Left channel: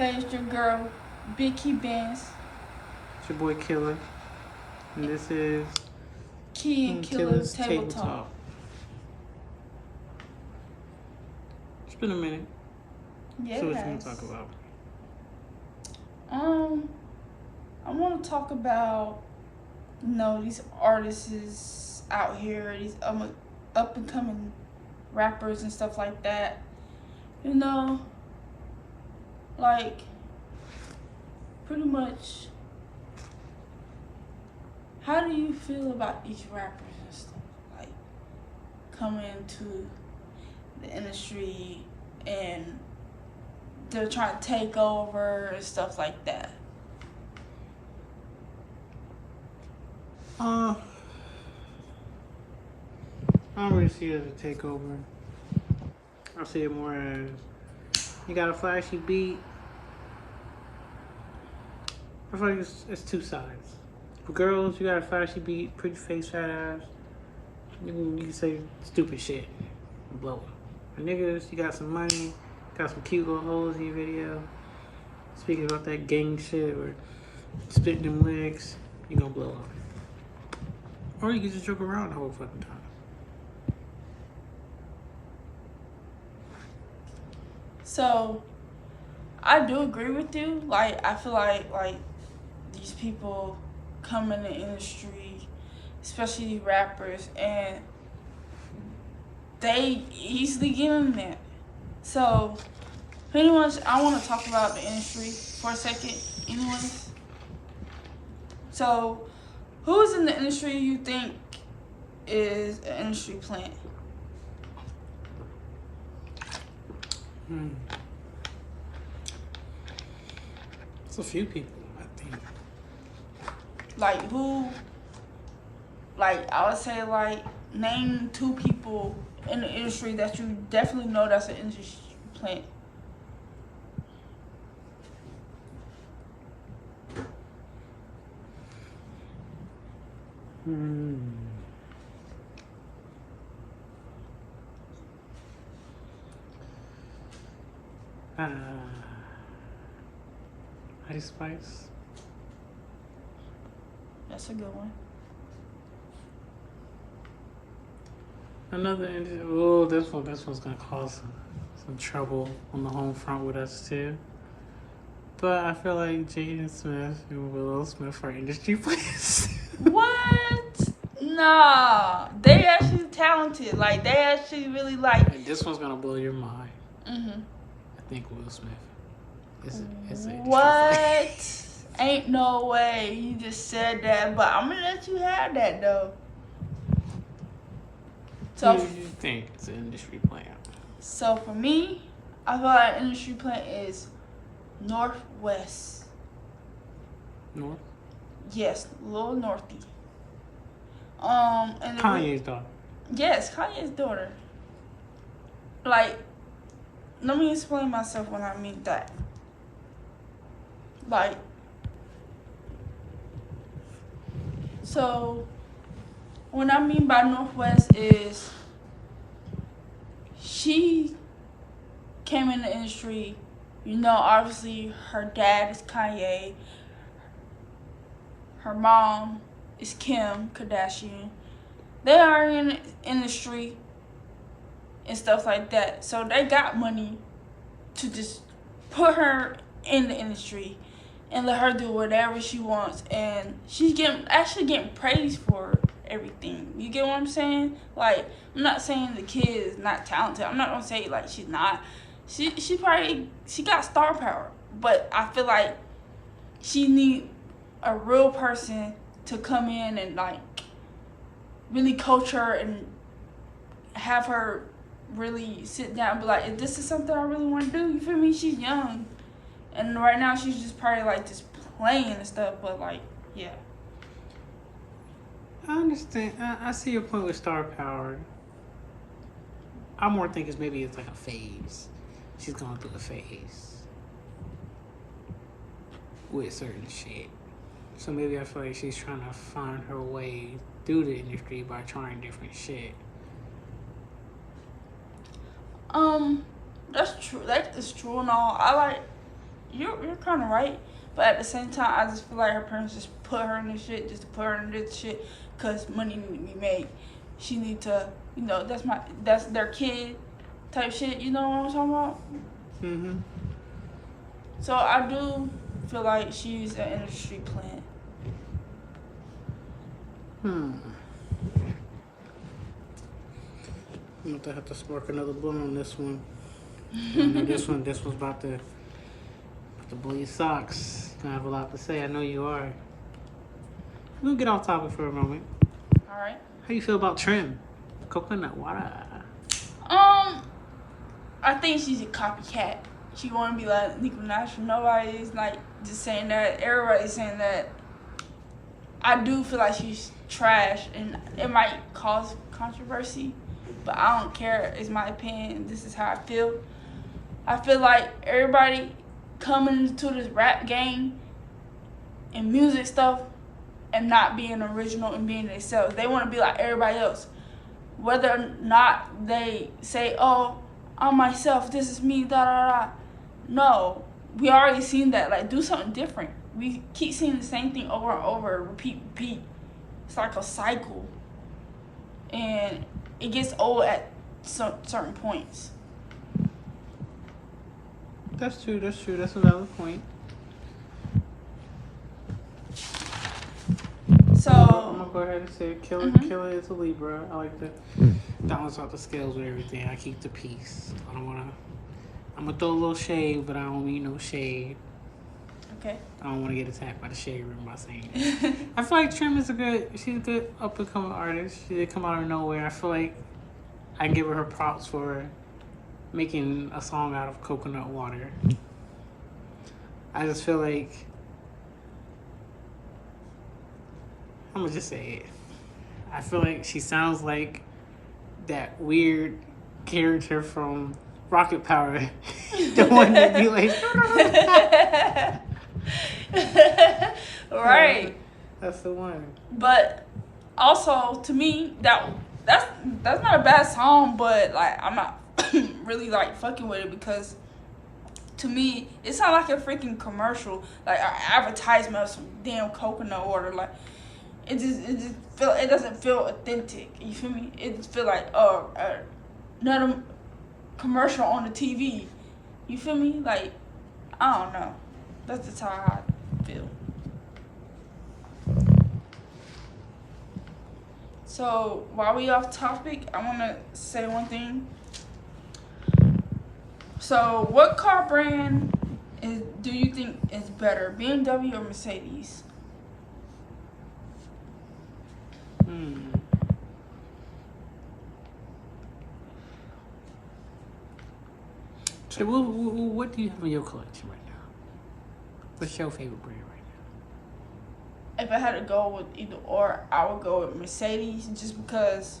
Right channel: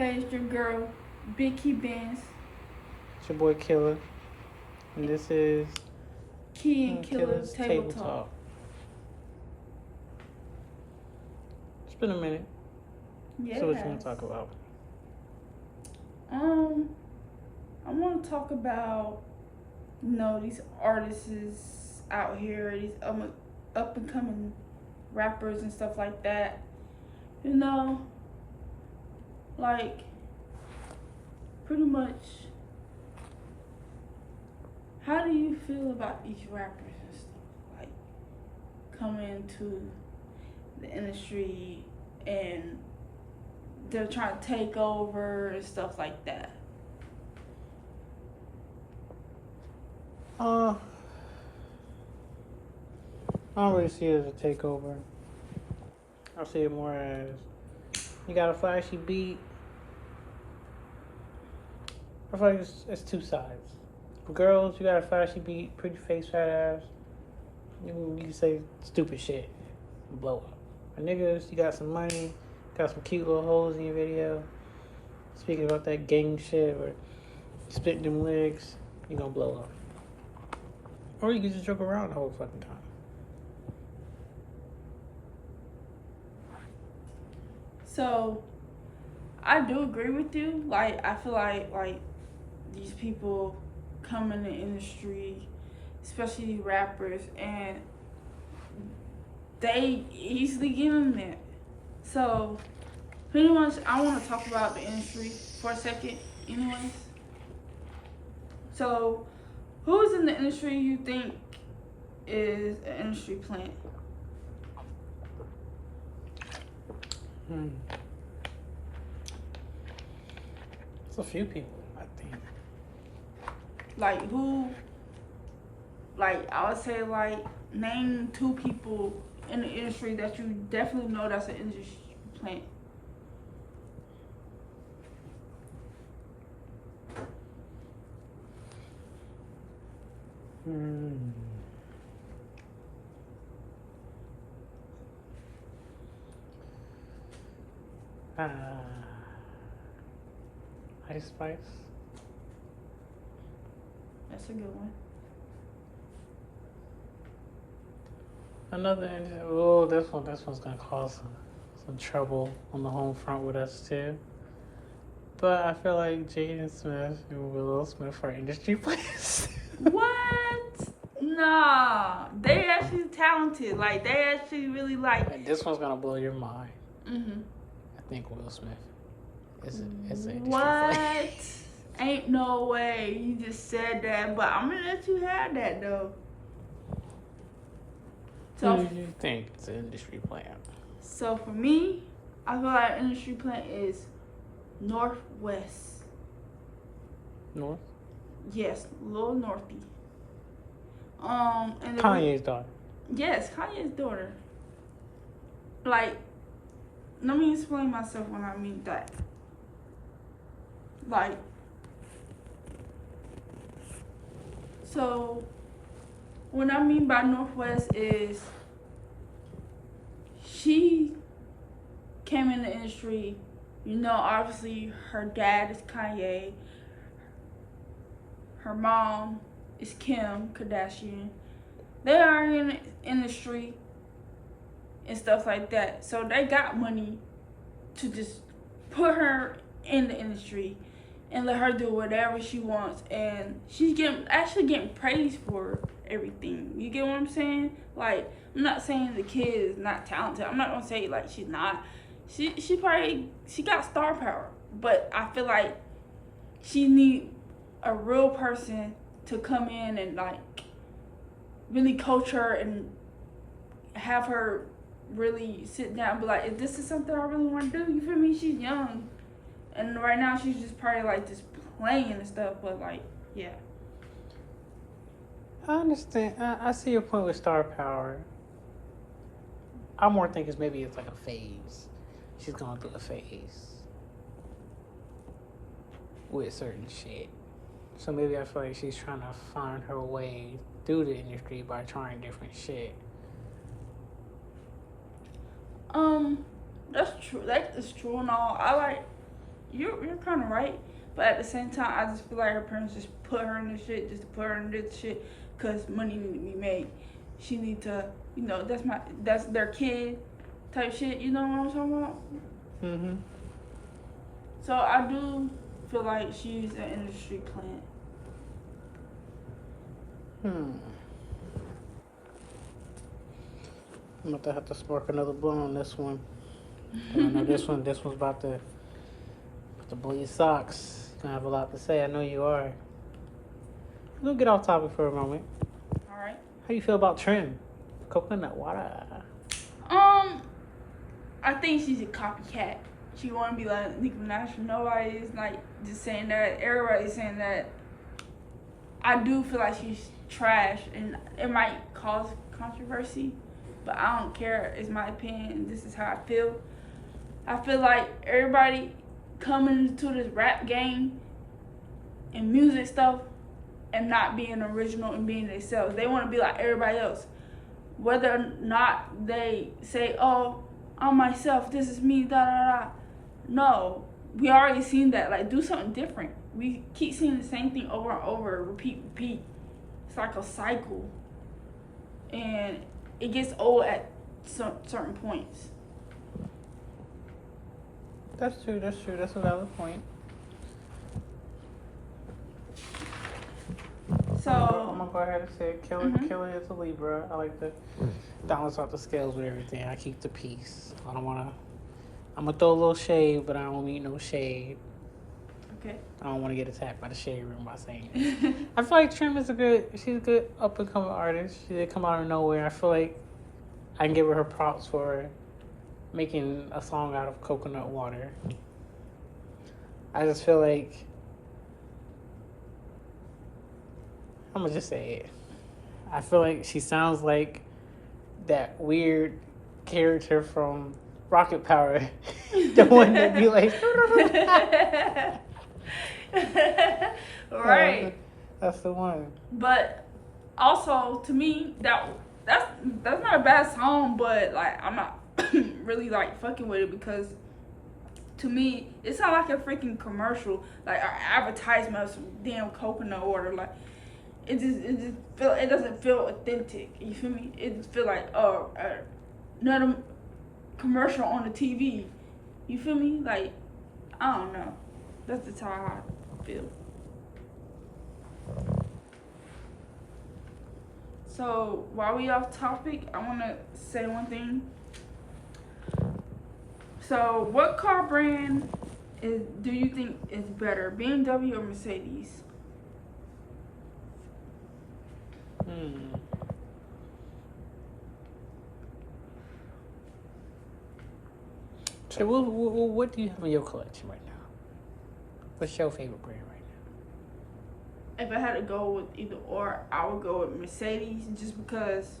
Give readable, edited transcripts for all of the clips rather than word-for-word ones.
Hey, it's your girl, Vicky Benz, It's your boy Killa, and this is Key and Killer Killa's Table Table Talk. Talk. It's been a minute. Yes. So what you want to talk about? I want to talk about, these artists out here, these up and coming rappers and stuff like that. Like, pretty much, how do you feel about these rappers and stuff? Like, coming into the industry and they're trying to take over and stuff like that. I don't really see it as a takeover. I see it more as you got a flashy beat. I feel like it's two sides. For girls, you got a flashy beat, pretty face, fat ass. You can say stupid shit and blow up. For niggas, you got some money, got some cute little hoes in your video. Speaking about that gang shit or spitting them lyrics, you gonna blow up. Or you can just joke around the whole fucking time. So, I do agree with you. Like, I feel like these people come in the industry, especially rappers, and they easily get in there. So, anyways, I want to talk about the industry for a second. Anyways, so who's in the industry you think is an industry plant? It's a few people, I think. Like who? Like I would say, like name 2 people in the industry that you definitely know that's an industry plant. Ice Spice. That's a good one. Another this one's gonna cause some trouble on the home front with us too. But I feel like Jaden Smith and Willow Smith are industry players. What? Nah, they actually talented. Like they actually really like. And this one's gonna blow your mind. Mhm. I think Will Smith is an industry What? player. Ain't no way you just said that, but I'm gonna let you have that though. So you think it's an industry player? So for me, I feel like industry plant is Northwest. North? Yes, Lil Northy. And Kanye's daughter. Yes, Kanye's daughter. Like, let me explain myself when I mean that. Like, so what I mean by Northwest is she came in the industry, obviously her dad is Kanye, her mom is Kim Kardashian. They are in the industry and stuff like that. So they got money to just put her in the industry and let her do whatever she wants. And she's actually getting praised for everything. You get what I'm saying? Like, I'm not saying the kid is not talented. I'm not gonna say like she's not. She got star power. But I feel like she need a real person to come in and like really coach her and have her really sit down and be like, if this is something I really want to do, you feel me? She's young. And right now she's just probably like just playing and stuff, but like, yeah. I understand. I see your point with star power. I more think it's like a phase. She's going through a phase with certain shit. So maybe I feel like she's trying to find her way through the industry by trying different shit. That's true. That is true and all. you're kind of right, but at the same time, I just feel like her parents just put her in this shit just to put her in this shit because money need to be made. She need to, that's their kid type shit. You know what I'm talking about? Mm-hmm. So I do feel like she's an industry plant. I'm about to have to spark another blunt on this one. I know this one's about to blow your socks. You have a lot to say. I know you are. We'll get off topic for a moment. All right. How you feel about Trim? Coconut water. I think she's a copycat. She want to be like Nicki Minaj. Nobody is like just saying that. Everybody's saying that. I do feel like she's trash, and it might cause controversy, but I don't care. It's my opinion. This is how I feel. I feel like everybody coming into this rap game and music stuff and not being original and being themselves. They want to be like everybody else. Whether or not they say, oh, I'm myself, this is me, da da da. No, we already seen that. Like, do something different. We keep seeing the same thing over and over, repeat. It's like a cycle. And it gets old at certain points. That's true. That's a valid point. So I'm gonna go ahead and say Killa is a Libra. I like to balance out the scales with everything. I keep the peace. I'm gonna throw a little shade, but I don't mean no shade. Okay. I don't want to get attacked by the shade room by saying it. I feel like Trim is she's a good up and coming artist. She did come out of nowhere. I feel like I can give her props for making a song out of coconut water. I just feel like I'm gonna just say it. I feel like she sounds like that weird character from Rocket Power, the one that be like, right. That's the one. But also, to me, that's not a bad song, but like I'm not really like fucking with it because to me it sounds like a freaking commercial, like an advertisement of some damn coconut water. Like it doesn't feel authentic. You feel me? It just feel like another commercial on the TV. You feel me? Like I don't know. That's just how I feel. So while we off topic, I want to say one thing. So what car brand do you think is better, BMW or Mercedes? So what do you have in your collection right now? What's your favorite brand right now? If I had to go with either or, I would go with Mercedes just because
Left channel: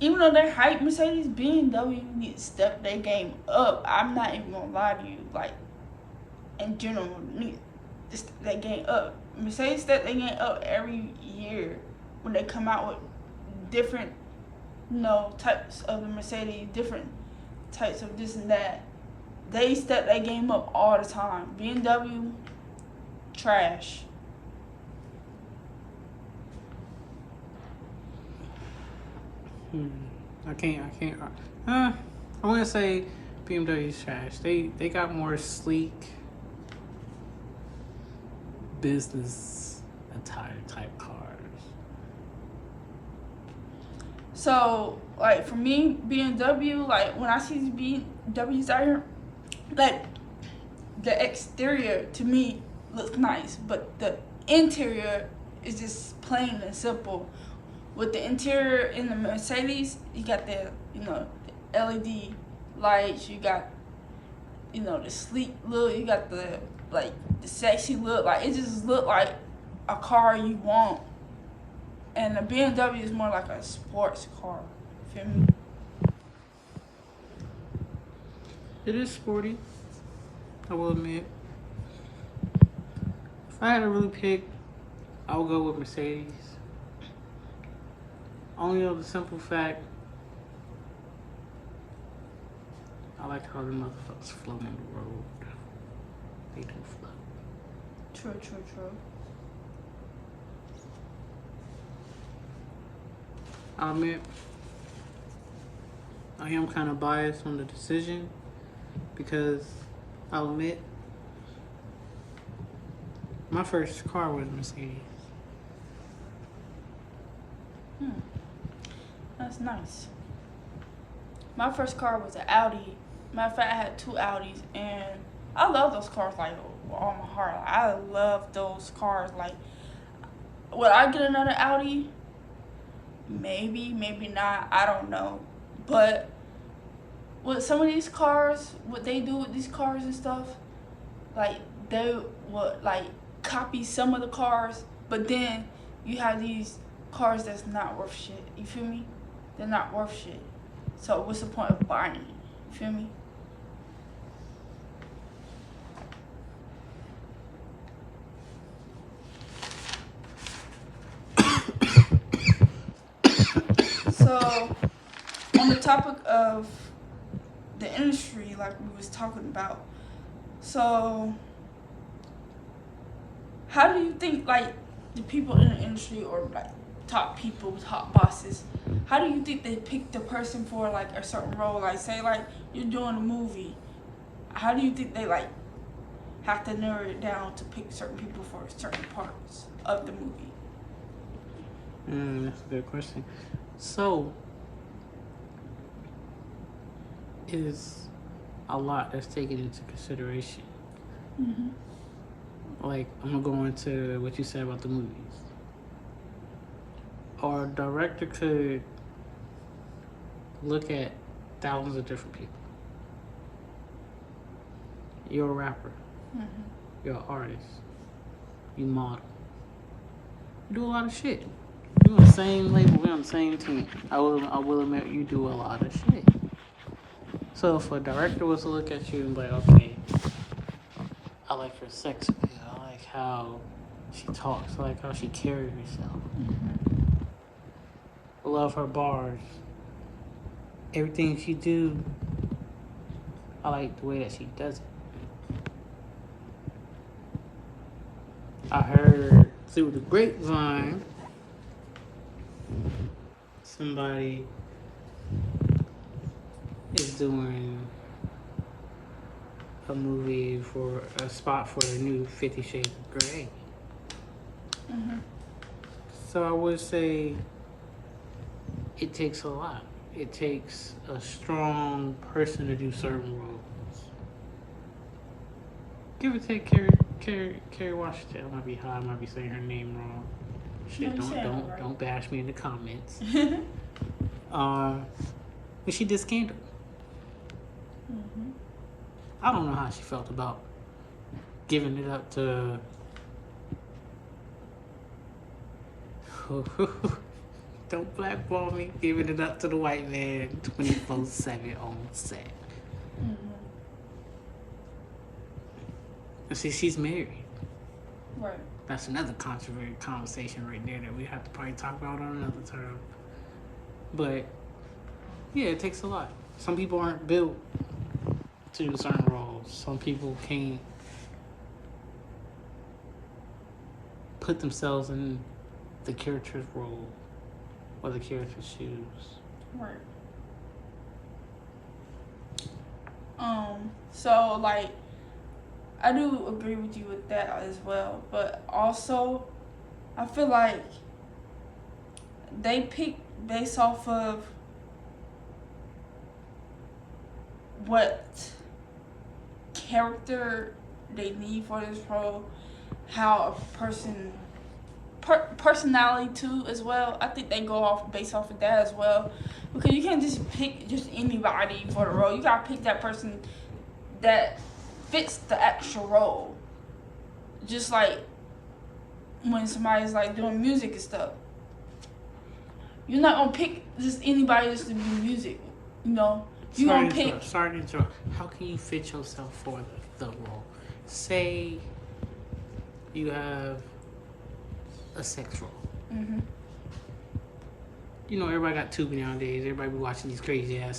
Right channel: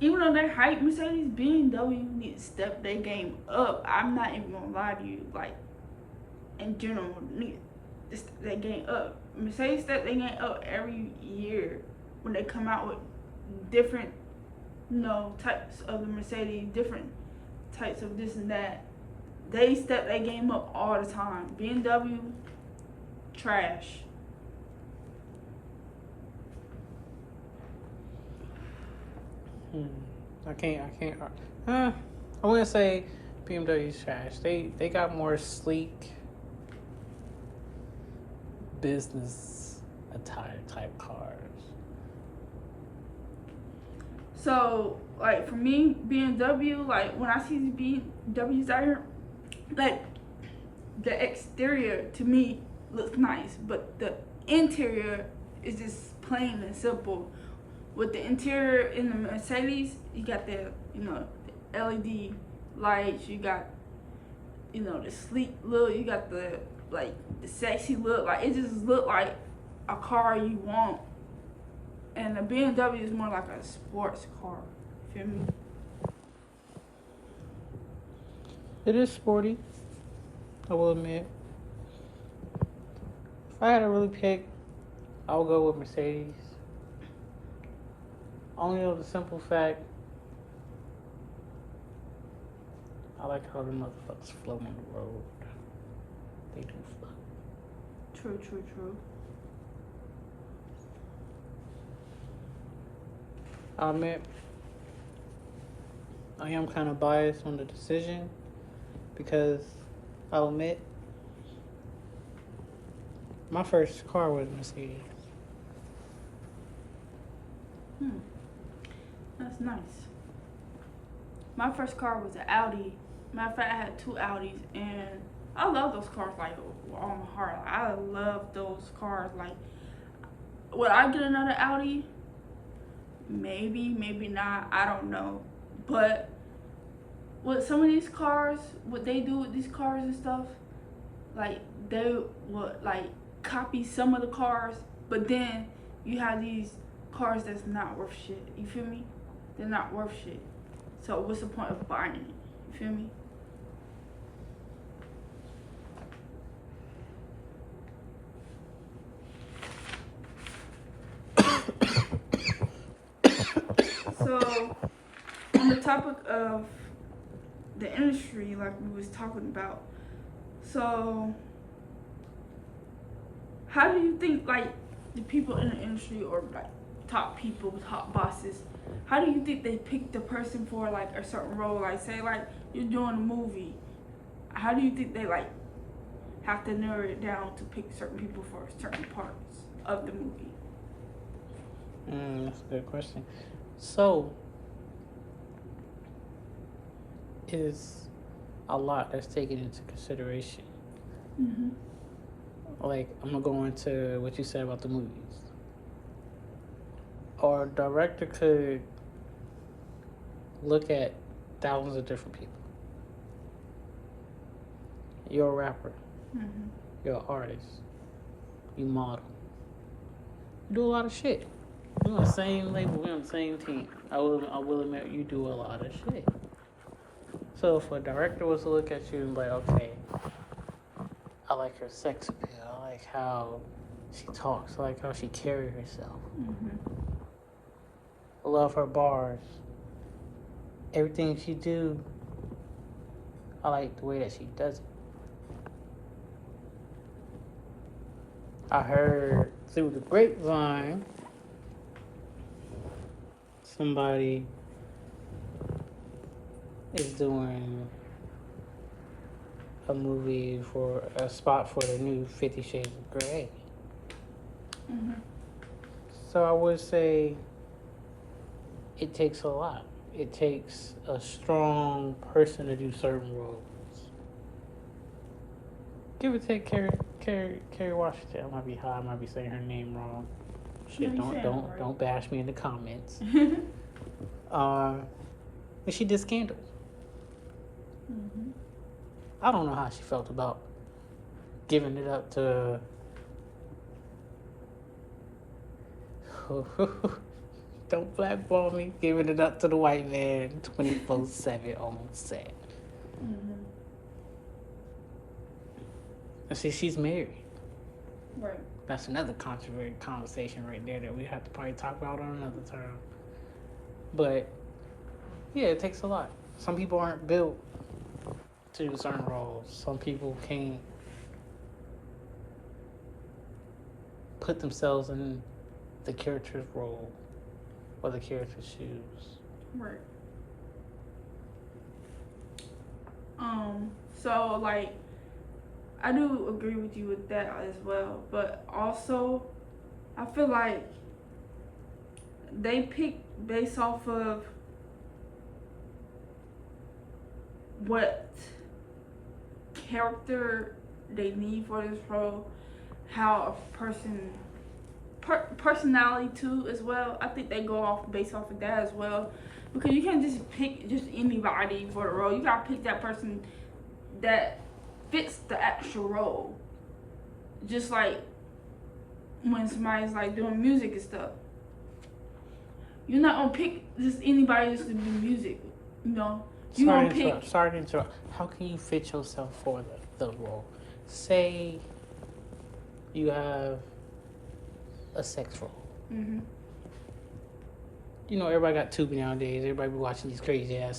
even though they're hype, Mercedes, BMW need to step their game up. I'm not even gonna lie to you. Like, in general, need to step their game up. Mercedes step their game up every year when they come out with different, types of the Mercedes, different types of this and that. They step their game up all the time. BMW, trash. I can't. I want to say BMW's trash. They got more sleek business attire type cars. So, like, for me, BMW, like, when I see these BMWs out here, like, the exterior, to me, looks nice, but the interior is just plain and simple. With the interior in the Mercedes, you got the LED lights, you got, the sleek look, you got the sexy look. Like, it just look like a car you want. And the BMW is more like a sports car. Feel me? It is sporty, I will admit. If I had to really pick, I would go with Mercedes. Only of the simple fact, I like how the motherfuckers float on the road. They do float. True, true, true. I admit, I am kind of biased on the decision because I'll admit, my first car was Mercedes. That's nice. My first car was an Audi. Matter of fact, I had two Audis, and I love those cars like with all my heart. Like, I love those cars. Like, would I get another Audi? Maybe, maybe not. I don't know. But with some of these cars, what they do with these cars and stuff, like they would like copy some of the cars, but then you have these cars that's not worth shit. You feel me? They're not worth shit. So what's the point of buying it? You feel me? So on the topic of the industry, like we was talking about, so how do you think like the people in the industry or like top people, top bosses, how do you think they pick the person for like a certain role? Like say like you're doing a movie, how do you think they like have to narrow it down to pick certain people for certain parts of the movie? That's a good question. So, it is a lot that's taken into consideration. Mm-hmm. Like, I'm gonna go into what you said about the movies. Our director could look at thousands of different people. You're a rapper. Mm-hmm. You're an artist. You model. You do a lot of shit. We're on the same label. We're on the same team. I will admit you do a lot of shit. So if a director was to look at you and be like, okay, I like her sex appeal. I like how she talks. I like how she carries herself. Mm-hmm. I love her bars. Everything she do, I like the way that she does it. I heard through the grapevine somebody is doing a movie for a spot for the new 50 Shades of Grey. Mm-hmm. So I would say it takes a lot. It takes a strong person to do certain roles. Give or take Kerry Washington. I might be high, I might be saying her name wrong. Shit, don't bash me in the comments. But she did Scandal. Mm-hmm. I don't know how she felt about giving it up to don't blackball me, giving it up to the white man 24/7 on set. Mm-hmm. And see, she's married. Right. That's another controversial conversation right there that we have to probably talk about on another time. But yeah, it takes a lot. Some people aren't built to do certain roles. Some people can't put themselves in the character's role or the character's shoes. Right. So like I do agree with you with that as well, but also I feel like they pick based off of what character they need for this role, how a person personality too as well. I think they go off based off of that as well, because you can't just pick just anybody for the role. You gotta pick that person that fits the actual role. Just like when somebody's like doing music and stuff, you're not gonna pick just anybody just to do music, you know. Sorry to interrupt. How can you fit yourself for the role? Say you have a sex role. Mm-hmm. You know, everybody got Tubi nowadays. Everybody be watching these crazy ass